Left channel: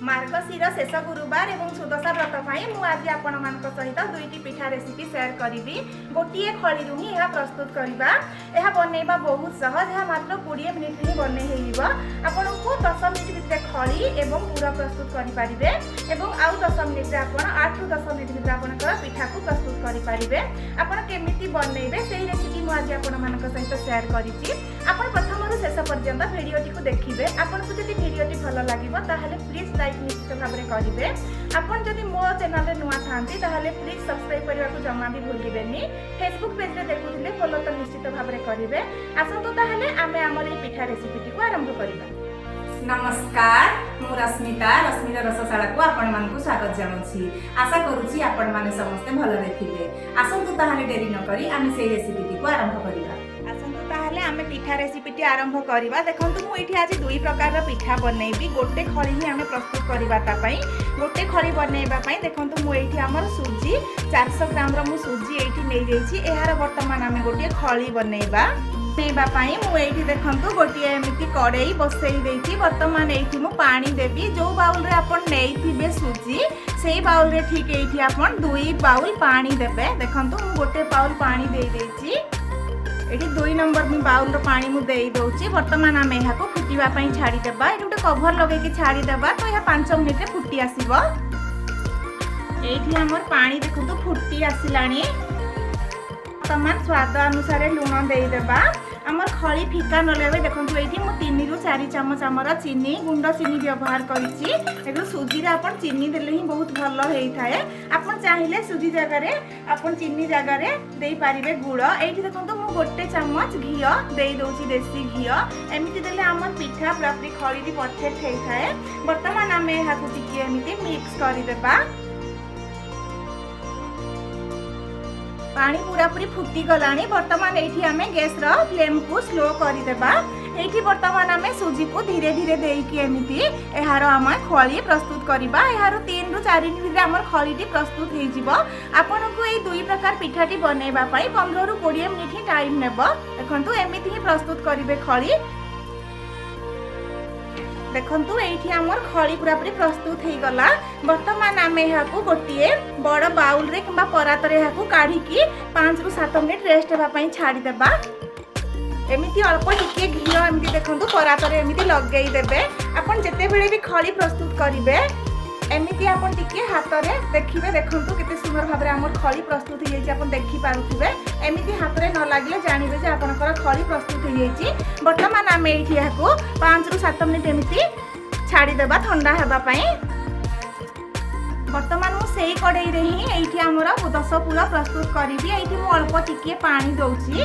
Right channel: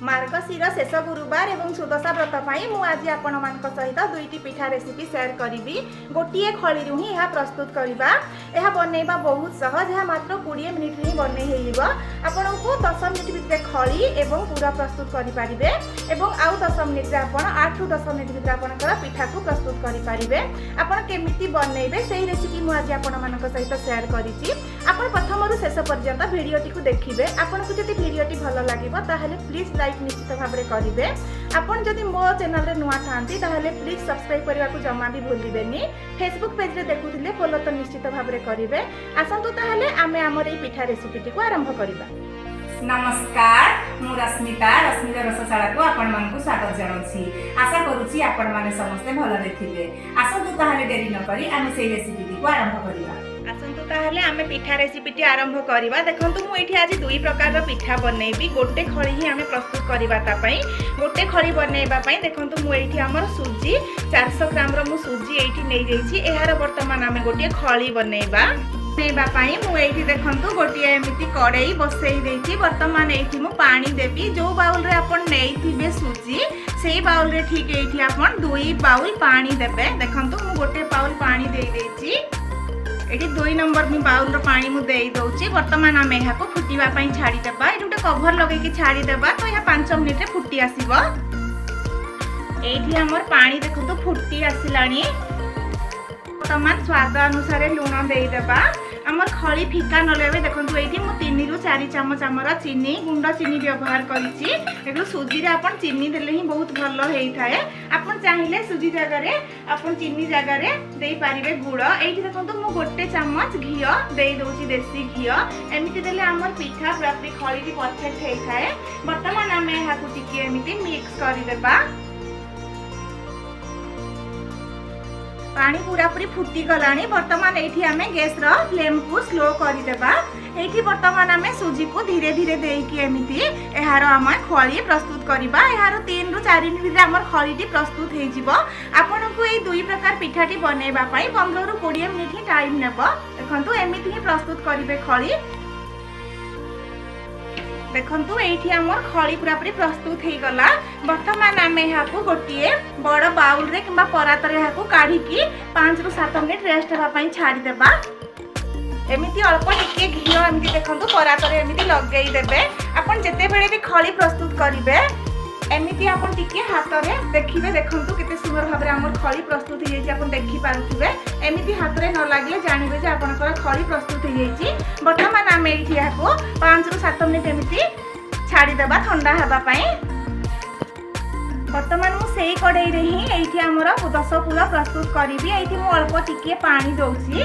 मार्गशीर शेष गुरुवार एवं सुदशा व्रत पर आज आपण सहित दुईटी पिठा रेसिपी शेयर करी। गोटे खड़ी ही यह प्रस्तुत करवा यह बनइबा बहुत सहज। यह मात्र 20 मिनिट ही बन आपन को 10 मिनिट भितर खड़ी एवं पूरा प्रस्तुत करेंगे और आउ 10 मिनिट आप 8 ରୁ 10 मिनिट भितर आपंकर पिठा को प्रस्तुत करेंगे। आपड़ केमी बनइबे से रेसिपी मुझे आपण सहित शेयर करी। प्रथम शेष पर्यंत भिडियोटी को देखिए। आपन को जब भिडियोटी भल लगे ताहले प्लीज लाइक निश्चित भाव में करेंगे। आपन जदि मो चैनल रे नुआ थांती ताहले प्लीज सब्सक्राइब करने को जमा भी भूलिबेनी। फेसबुक पेज रे देखुथिले फॉलो तो निश्चित भाव में करेंगे। आसंतु ताहले आमे हमर ए पिठा रेसिपी को आरंभ करिबा। नमस्कार, मु रश्मिता रश्मिर रसशाला को आपण मानकु स्वागत जणाउछि। आशा करूछि आपण माने समस्त भल देखिबे। आसंतु ताहले देरी न करी आमे सेही रेसिपी को आरंभ करिबा। आसंतु ताहले आमे पिठा रेसिपी आरंभ करवा। देखंतु मु एठी आज दुई प्रकार पिठा बनैबी। गोटे खड़ी ही आमे प्रस्तुत करवा ता पई। गोटे खड़ी बनैबा पई देखंतु मु एठी हमर सुजी 400 ग्राम रो मु सुजी एठी नै जाईछि। एहार वर्तमान आमे गोटे खड़ी बनैबा। देखु गोटे एमती कड़ई बसई देती। बर्तमान ये मु पानी देवी। जो बाउल रे आपण नहीं सुजी से बाउल रे ठीक ये आप 2 बाउल पानी देवे। देखु मु गोटे बाउल पानी दे देती। ये 2 नंबर बाउल पानी मुझे दौची। बर्तमान आम यहाँ फुटापी छाड़ीदेवा। ये गोटे कभर लगे छाड़ीदेवा तो यह 5 मिनिट फुटी आसब। ये आमर पानी देखो फुटी आसला। वर्तमान स्वाद अनुसार लुण देदेबा। आमर खड़ी फिका न लगे। देखो ये 3 ରୁ 4 चामच आमर चीनी गुंड चीनी व्यवहार करी। सुजी आप चीनी देले ही बहुत भल होता है। आप चाहिए सुजी जगह आप चीनी जगह दे पारे गुड़। ये देखो मु गोटे चामच घी दे दूसरी देसी घी। एमती देले आमर पिठा पूरा खड़ी परफेक्ट होता है। बर्तमान आम यहाँ टी मिक्स करदेबा। पानी पूरा पूरी फुटी गलानी। बर्तमान ये आम गैस फ्लेम को स्लो करदेबा। ये बर्तमान आम सुजी को धीरे धीरे देकी एमती यार आम खड़ी प्रस्तुत करवा। यार 3 ରୁ 4 मिनिट आम खड़ी प्रस्तुत हो। आपन को ये दुई प्रकार पिठाटी बनइबा 15 ରୁ 20 मिनिट ही टाइम नेब। देखंतु एमती ही प्रस्तुत करेंगे खड़ी। देखंतु ये आमर खड़ी पूरा पूरी प्रस्तुत हो गला। बर्तमान आम यहाँ गोटे बड़ बाउल रे किंबा परात रे यहाँ काढ़ी 5 ରୁ 7 मिनिट रेस्ट होगा छाड़ीदेवा। एमती अल्प टिके घी एमती देखो परात एमती लगे देवे। आपन जिते बेले भी खड़ी प्रस्तुत करेंगे एमती आपन टिके हाथ में देखिए। देखो केते सुंदर भाव में आमर खड़ी प्रस्तुत हो जाए। आप देखी पारुथिबे एमती हाथ में न लगे जानवे जे आपनकर खड़ी प्रस्तुत हो जाए। बर्तमान आम ये 5 ରୁ 7 मिनिट एमती छाड़ीदेवा ठंडा होगापाई। बर्तमान मुझे कड़ई रे ही ये आमर 10 पूरा प्रस्तुत करी। ये अल्प टिके पानी दौची।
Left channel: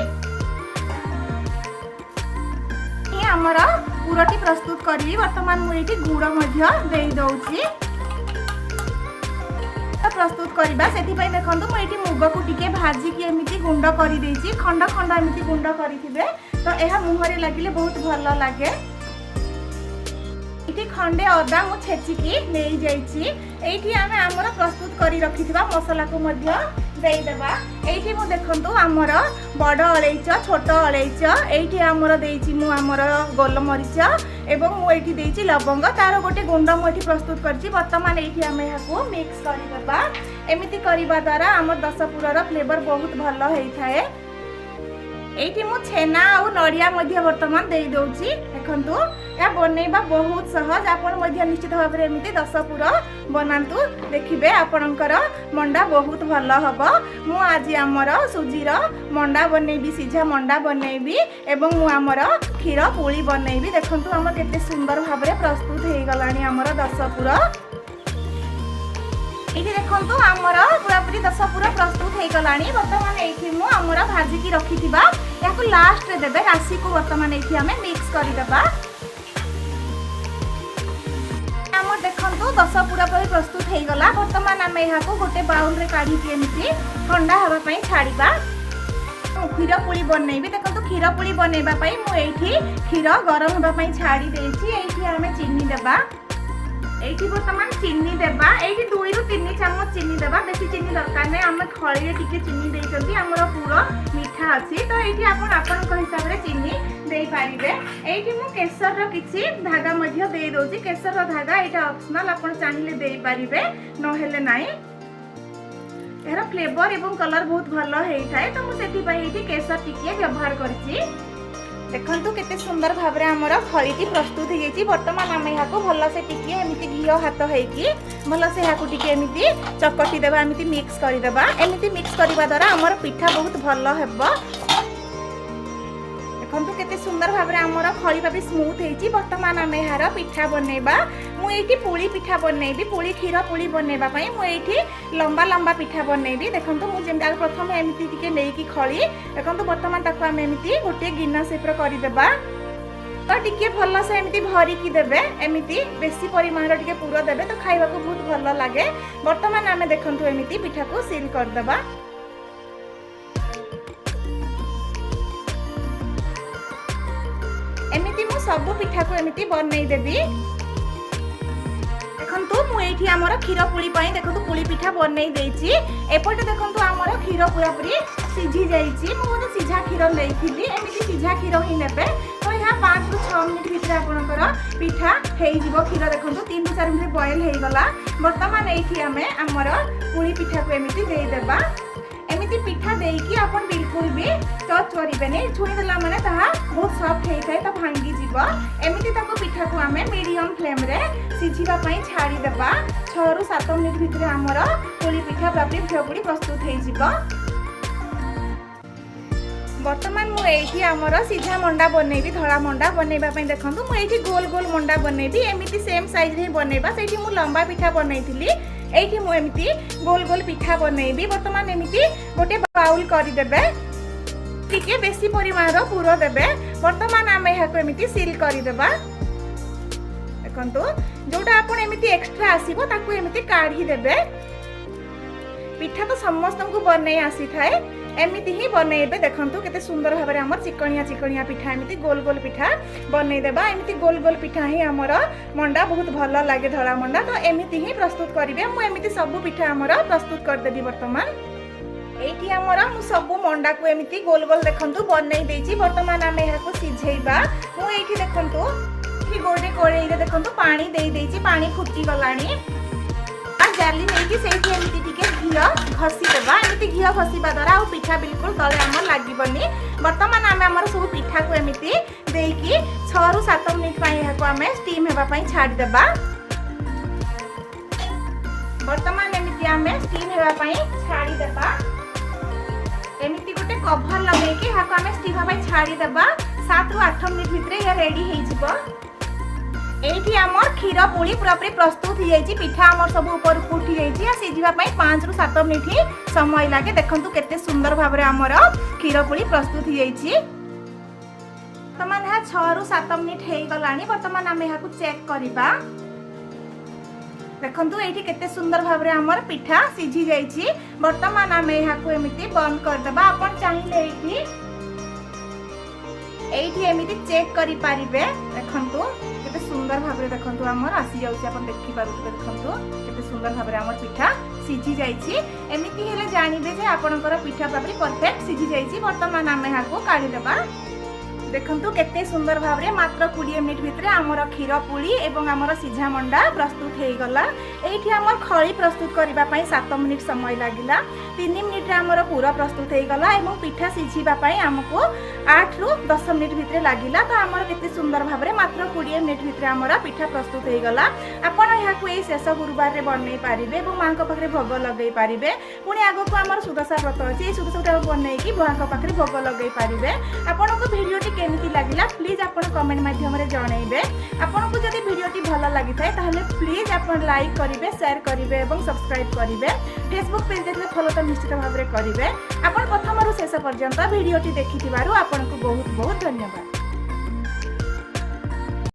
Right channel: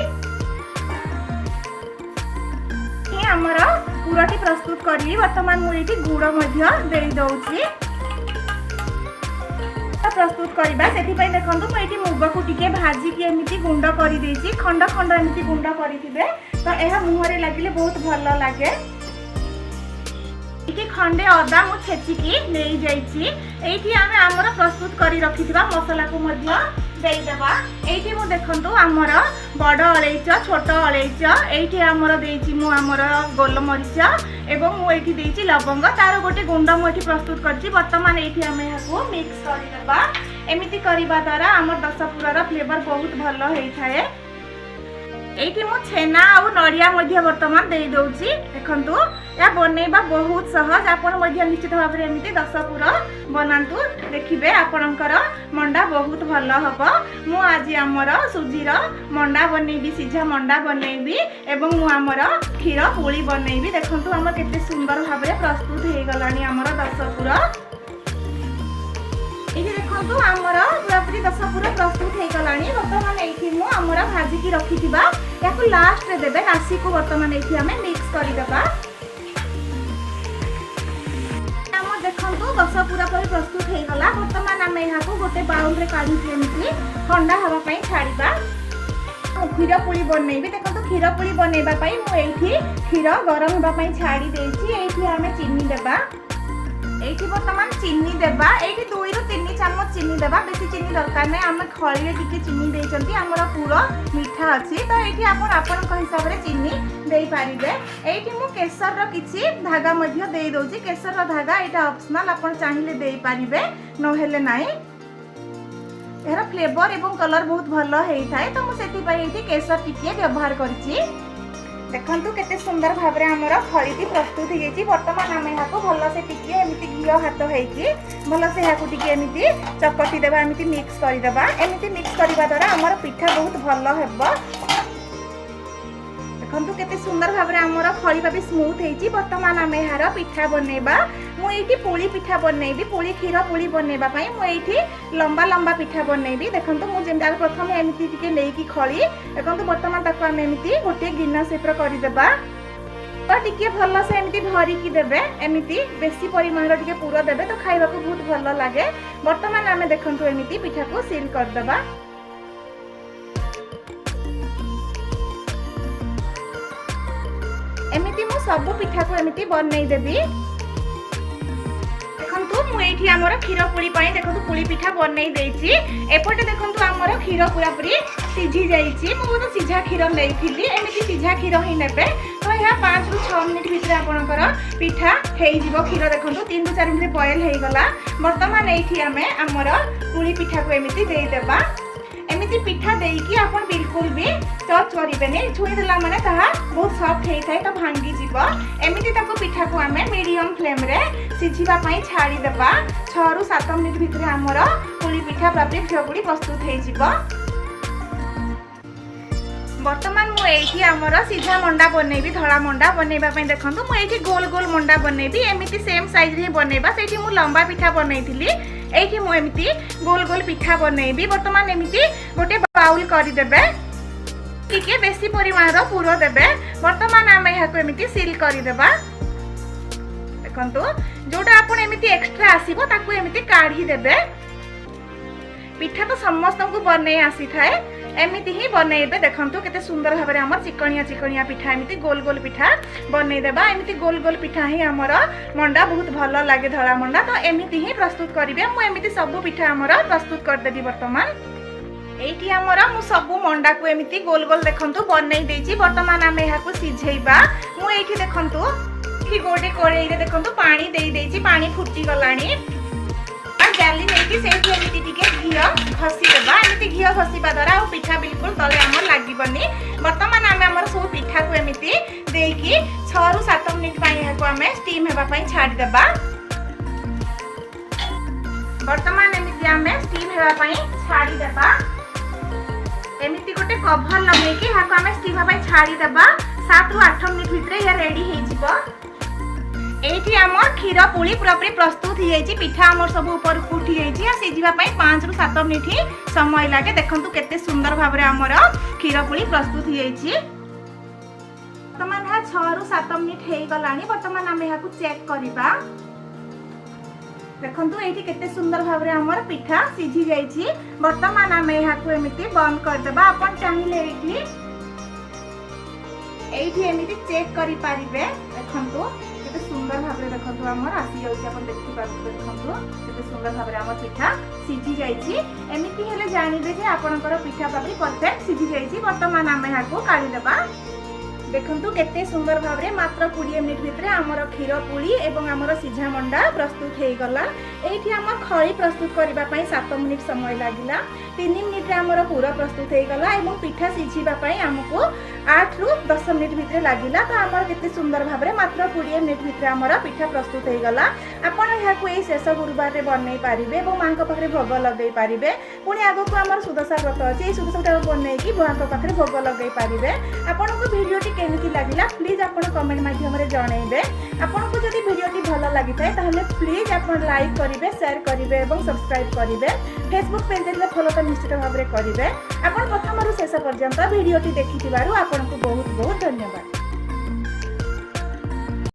आमर पूराटी प्रस्तुत करी। बर्तमान मुझे गुड़ दे दौची प्रस्तुत करवा। से देखो मुझे मुग को टिके भाजिकी एमती गुंड कर खंड खंड एमती गुंड करेंगे तो यह मुहरे लगे बहुत भल लगे। खंडे अदा मु छेचिकी नहीं जाइए। आम आमर प्रस्तुत कर रखी मसला को देदेबा। ये मु देखो आमर बड़ अलैच छोट अलैच ये आमर आमर गोलमरीच एवं मुझे लवंग तार गोटे गुंड मुझे प्रस्तुत कर। बर्तमान ये आम यहाँ मिक्स करदेबा। एमती करने द्वारा आमर 10 पूरार फ्लेवर बहुत भल होता है। ये मु छेना और नड़िया बर्तमान दे दौची। देखो या बनइबा बहुत सहज। आपन निश्चित भाव में एमती 10 पूरा बनातु। देखिए आपणकर मंडा बहुत भल हम। मु आज आमर सुजीर मंडा बनइबी सीझा मंडा बनइबी एवं मु आमर क्षीर पुली बनइबी। देखो आम केते सुंदर भाव में प्रस्तुत हो गलानी आमर 10 पूरा। ये देखो आमर पूरा पूरी 10 पूरा प्रस्तुत हो गलानी। बर्तमान ये आमर भाजिकी रखी लास्ट देवे राशि को बर्तमान ये आम मिक्स करदेबा। देखो 10 पूरा पर प्रस्तुत हो गला। बर्तमान आम यहाँ गोटे बाउल रे काढ़ी एमती ठंडा होगापाई छाड़ीबा। क्षीर पुली बनइबी। देखो क्षीर पुली बनइबा मुझे क्षीर गरम होगापाई छाड़ी देछि। ये आम चीनी देबा। एठी वर्तमान चीनी देबा एठी 2 रु 3 चम्मच चीनी देबा बेसी चीनी दरकार नै हम खळीरे टिके चीनी देइचंती हमर पूरा मीठा अछि तो एठी आपण आपन हिसाब रे चीनी देई पारिबे एठी मु केसर रो किछि धागा मध्ये देई दोछि केसर रो धागा एटा ऑप्शनल आपण चाहिले देई पारिबे न हेले नाही एरा फ्लेवर एवं कलर बहुत भलो हेई थाए तो मु सेति पई एठी केसर टिके व्यवहार करछि देखंतु केते सुंदर भाबरे हमर फळीटी प्रस्तुत हे गेछि वर्तमान हम एहाकू भलो से टिके एमिति घियो हाथ हेकी भलो से एहाकू टिके एमिति चकटी देबा एमिति मिक्स करि देबा एमिति मिक्स करिबा द्वारा हमर पिठा बहुत भलो हेबो देखंतु केते सुंदर भाबरे हमर फळी बाबी स्मूथ हेछि वर्तमान हम एहार पिठा बनेबा मु एठी पुली पिठा बनेबी पुली खीरा पुली बनेबा पई मु एठी लंबा लंबा पिठा बनेबी देखंतु मु जेंदा प्रथम एमिति टिके लेकी खळी देखंतु वर्तमान ताको हम एमिति गोटे गिन्ना सेप्र करि देबा तो टिके भलो से एमिति भरी की देबे एमिति बेसी परिमाण टिके पूरा देबे तो खाइबा को बहुत भलो लागे वर्तमान हम देखंतु एमिति पिठा को सील कर देबा एमिति मु सब पिठा को एमिति बनै देबी मु एठी हमर खीर पुली पई देखंतु पुली पिठा बनै देछि एपटे देखंतु हमर खीर पूरा पूरी सिझी जाईछि मु गोटे सिझा खीर लेइथिली एमिति सिझा खीर ही नेबे तो या 5 रु 6 मिनिट भितर आपनकर पिठा हेइ जिवो खीर देखंतु 3 रु 4 मिनिट बॉयल हेइ गला वर्तमान एठी हमें हमर पुली पिठा को एमिति देई देबा एमिति पिठा देइकी आपन बिल्कुल भी टच करिबेनी छुई देला माने ताहा बहुत सॉफ्ट हेइ थाए तो भांगी जिवो एमिति ताको पिठा को हमें मीडियम फ्लेम रे सिझिबा पई छाडी देबा 6 रु 7 मिनिट भितर हमर पुली पिठा प्राप्ति फिरपुडी प्रस्तुत हेइ जिवो वर्तमान मु एठी हमर सीधा मंडा बनेबी धळा मंडा बनेबा पई देखंतु मु एठी गोल गोल मंडा बनेबी एमिति सेम साइज रे बनेबा सेठी मु लंबा पिठा बनेइथिली एठी मु एमिति गोल गोल पिठा बनेबी वर्तमान एमिति गोटे बाउल करि देबे टिके बेसी परिमाण रो पूरो देबे वर्तमान हम एहाको एमिति सील करि देबा देखंतु जोटा आपण एमिति एक्स्ट्रा आसीबो ताकू एमिति काढी देबे पिठा तो समस्त को बनै आसी थाए एमिति ही बनेबे देखंतु केते सुंदर भाबरे हमर चिकनिया चिकनिया पिठा एमिति गोल गोल पिठा बनै देबा एमिति गोल गोल पिठा ही हमर मंडा बहुत भलो लागे धळा मंडा तो एमिति ही प्रस्तुत करिवे मु एमिति सब पिठा हमर प्रस्तुत कर देबी वर्तमान एठी हमर मु सब मंडा को एमिति गोल गोल देखंतु बनै देछि वर्तमान हम एहा को सिझैबा मु एठी देखंतु कि गोटे कोड़े रे देखंतु पानी देई देछि पानी फुटी गलानी आ जाली नेकी सेठी एमिति टिके घियो घसी देबा एमिति घियो घसीबा द्वारा आ पिठा बिल्कुल तळे हमर लागिबनी वर्तमान हम हमर सब पिठा को एमिति देकी 6 रु 7 मिनिट पई एहा हम स्टीम हेबा पई छाडी देबा वर्तमान एमिति हम स्टीम हेबा पई छाडी देबा एमिति गोटे कवर लगेकी हाको हम स्टीम हेबा पई छाडी देबा 7 रु 8 मिनिट भितरे या रेडी हेइ जिवो एठी हमर खीर पुली पूरापूरी प्रस्तुत हो जाइछि पिठा हमर सब ऊपर उठी जाइछि आ सिझिबा पई 5 रु 7 मिनिट ही समय लागे देखंतु केते सुंदर भाबरे हमर खीर पुली प्रस्तुत हो जाइछि वर्तमान हा 6 रु 7 मिनिट हेइ गलानी वर्तमान हम एहा को चेक करिबा देखंतु एठी केते सुंदर भाबरे हमर पिठा सिझी जाइछि वर्तमान हम एहा को एमिति बंद कर देबा अपन चाहिले एठी एमिति चेक करि पारिबे देखंतु सुंदर भाबरे देखंतु हमर आसी जाउछि अपन देखि पाबे देखंतु केते सुंदर भाबरे हमर पिठा सिझी जाइछि एमिति हेले जानिबे जे आपनकर पिठा पाबे परफेक्ट सिझी जाइछि वर्तमान हम एहाको काढी देबा देखंतु केते सुंदर भाबरे मात्र 20 मिनिट भितरे हमर खीर पुली एवं हमर सिझा मंडा प्रस्तुत हेइ गला एठी हमर खळी प्रस्तुत करबा पई 7 मिनिट समय लागिला 3 मिनिट रे हमर पूरा प्रस्तुत हेइ गला एवं पिठा सिझिबा पई हमको 8 रु 10 मिनिट भितरे लागिला तो हमर केते सुंदर भाबरे मात्र 20 मिनिट भितरे हमर पिठा प्रस्तुत हेइ गला आपण एहाको एई शेष गुरुवार रे बनै पारिबे एवं मांको पाखरे भोग लगै पारिबे पुनी आगो को हमर सुदशा व्रत अछि सुदशा बनै की मांको पाखरे भोग लगै पारिबे आपनको भिडियोटी केमिति लागिला प्लीज आपण कमेंट माध्यम रे जणाइबे आपनको जदि भिडियोटी भलो लागि थाए ताहले प्लीज आपण लाइक करिवे शेयर करिवे एवं सब्सक्राइब करिवे फेसबुक पेज रे फॉलो त निश्चित भाबरे करिवे आपण प्रथम रु शेष पर्यंत भिडियोटी देखिथिबारु आपनको बहुत बहुत धन्यवाद।